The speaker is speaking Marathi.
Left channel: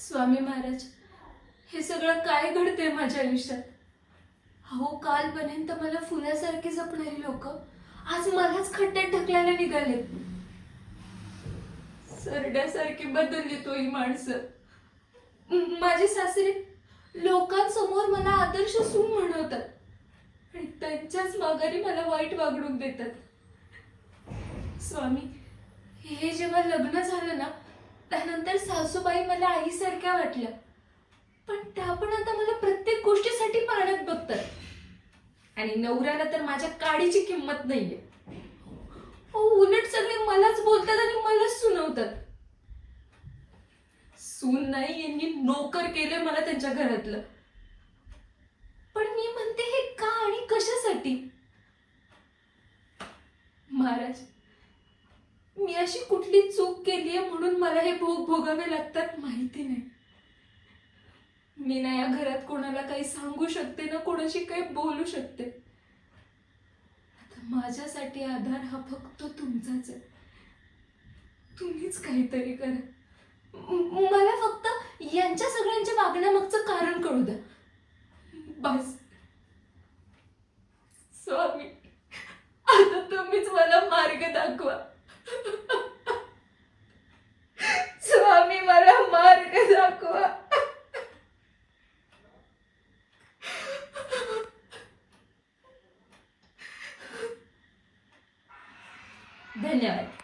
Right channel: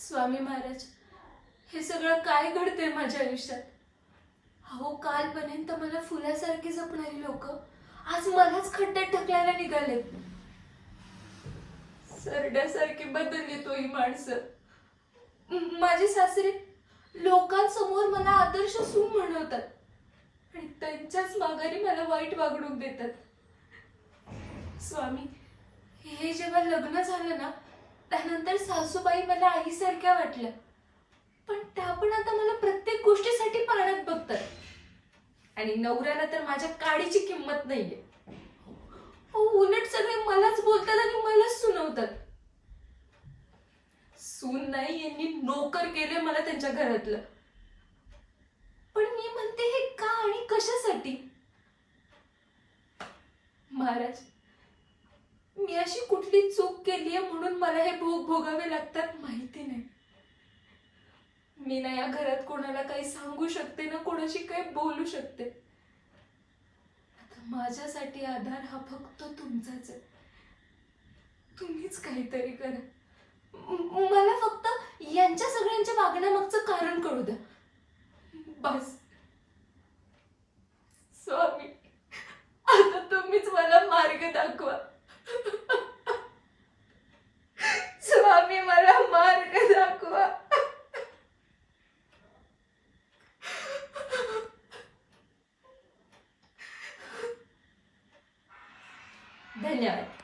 स्वामी महाराज, हे सगळं काय घडतंय माझ्या आयुष्यात? अहो, कालपर्यंत मला फुलासारखी जपणारी लोक आज मलाच खड्ड्यात ढकलायला निघालेत. सरड्यासारखी बदलली तो ही माणसं. माझे सासरे लोकांसमोर मला आदर्श सून म्हणवतात आणि त्यांच्याच माघारी मला वाईट वागणूक देतात. स्वामी, हे जेव्हा लग्न झालं ना, त्यानंतर सासूबाई मला आईसारख्या वाटल्या, पण त्या पण आता मला प्रत्येक गोष्टीसाठी पाण्यात बघतात आणि नवऱ्याला तर माझ्या काडीची किंमत नाहीये. उलट सगळे मलाच बोलतात आणि मलाच सुनवतात. सून नाही, यांनी नोकर केले मला त्यांच्या घरातलं. पण मी म्हणते, हे का आणि कशासाठी? महाराज, मी अशी कुठली चूक केलीये म्हणून मला हे भोग भोगावे लागतात माहिती नाही. मी ना या घरात कोणाला काही सांगू शकते ना कोणाशी काही बोलू शकते. आता माझ्यासाठी आधार हा फक्त तुमचाच आहे. तुम्हीच काहीतरी करा. मला फक्त यांच्या सगळ्यांच्या वागण्यामागचं कारण कळू द्या, बस. स्वामी, आता तुम्हीच मला मार्ग दाखवा. स्वामी, मला मार्ग दाखवा. धन्यवाद.